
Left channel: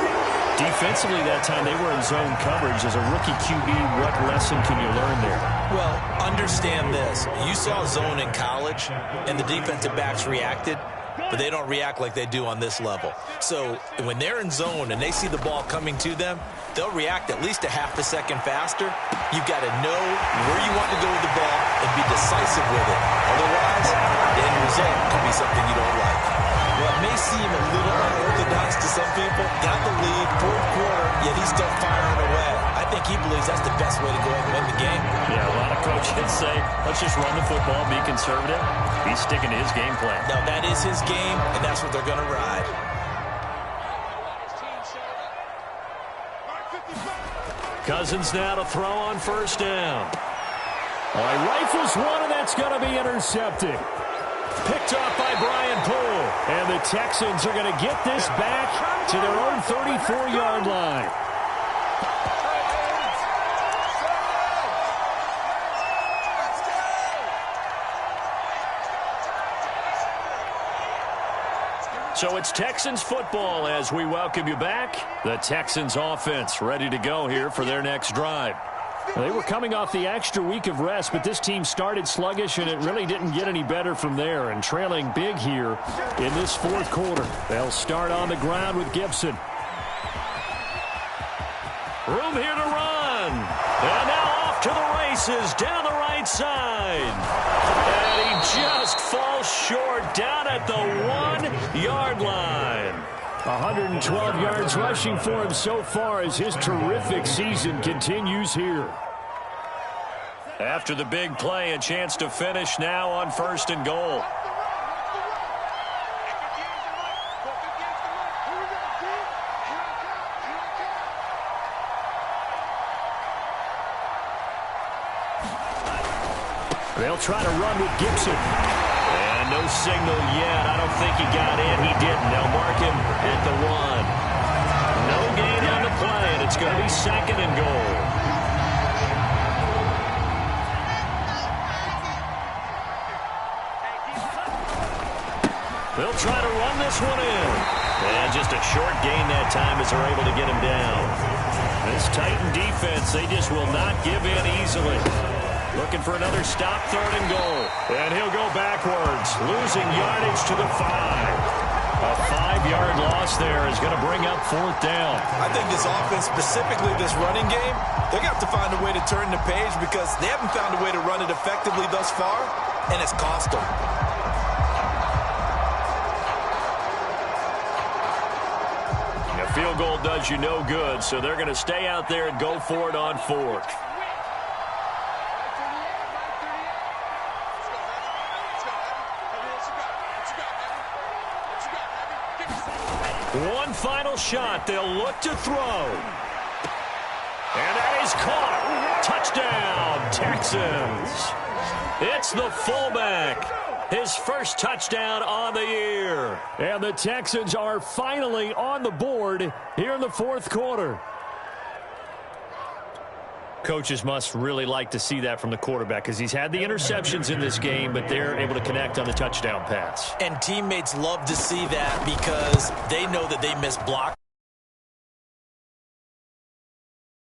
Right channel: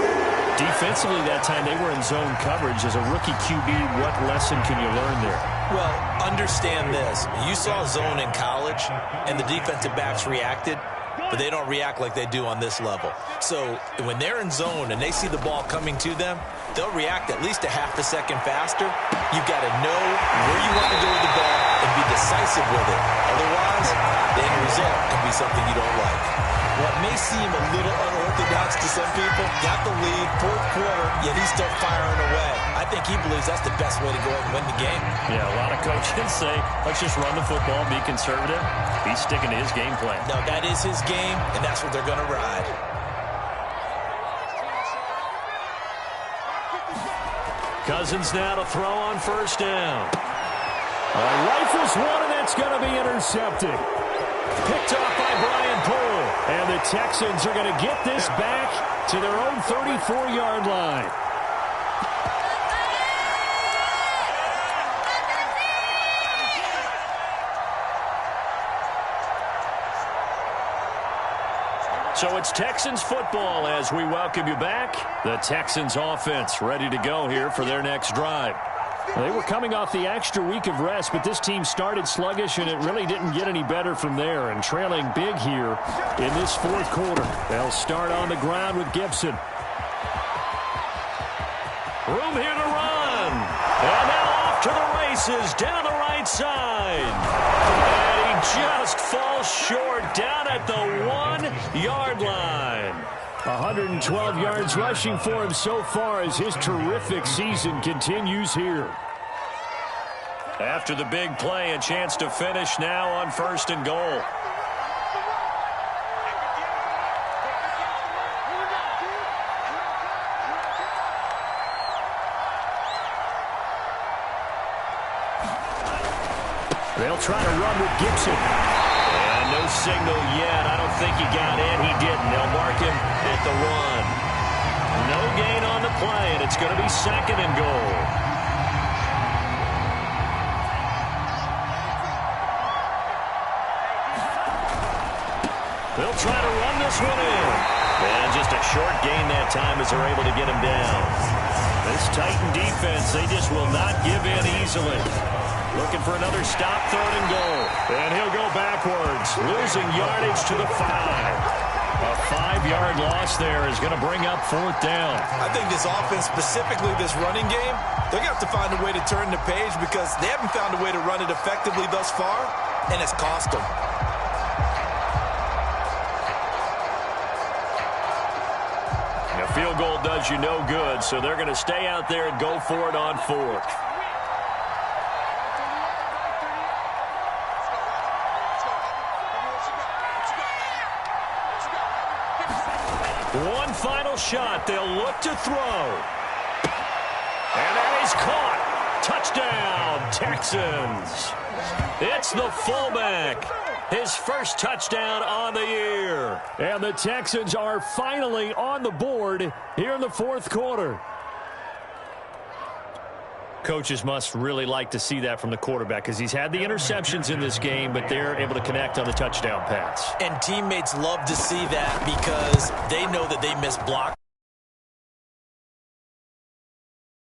Defensively that time, they were in zone coverage. As a rookie QB, what lesson can you learn there? Well, understand this. You saw zone in college, and the defensive backs reacted, but they don't react like they do on this level. So when they're in zone and they see the ball coming to them, they'll react at least a half a second faster. You've got to know where you want to go with the ball and be decisive with it. Otherwise, the end result can be something you don't like. Well, it may seem a little unorthodox to some people. Got the lead, fourth quarter, yet he's still firing away. I think he believes that's the best way to go ahead and win the game. Yeah, a lot of coaches say, let's just run the football, be conservative. He's sticking to his game plan. No, that is his game, and that's what they're going to ride. Cousins now to throw on first down. All right, rifles one, and that's going to be intercepted. Picked off by Brian Poole. And the Texans are going to get this back to their own 34-yard line. So it's Texans football as we welcome you back. The Texans offense ready to go here for their next drive. They were coming off the extra week of rest, but this team started sluggish, and it really didn't get any better from there. And trailing big here in this fourth quarter. They'll start on the ground with Gibson. Room here to run. And now off to the races down the right side. And he just falls short down at the 1-yard line. 112 yards rushing for him so far as his terrific season continues here. After the big play, a chance to finish now on first and goal. They'll try to run with Gibson. And no signal yet. I don't think he got in. He didn't. They'll mark him at the 1. No gain on the play, and it's going to be second and goal. They'll try to run this one in. And just a short gain that time as they're able to get him down. This Titan defense, they just will not give in easily. Looking for another stop, third and goal. And he'll go backwards, losing yardage to the 5. A 5-yard loss there is going to bring up fourth down. I think this offense, specifically this running game, they're going to have to find a way to turn the page because they haven't found a way to run it effectively thus far, and it's cost them. A field goal does you no good, so they're going to stay out there and go for it on fourth. One final shot. They'll look to throw. And that He's caught. Touchdown, Texans. It's the fullback. His first touchdown on the year. And the Texans are finally on the board here in the fourth quarter. Coaches must really like to see that from the quarterback because he's had the interceptions in this game, but they're able to connect on the touchdown pass. And teammates love to see that because they know that they missed block.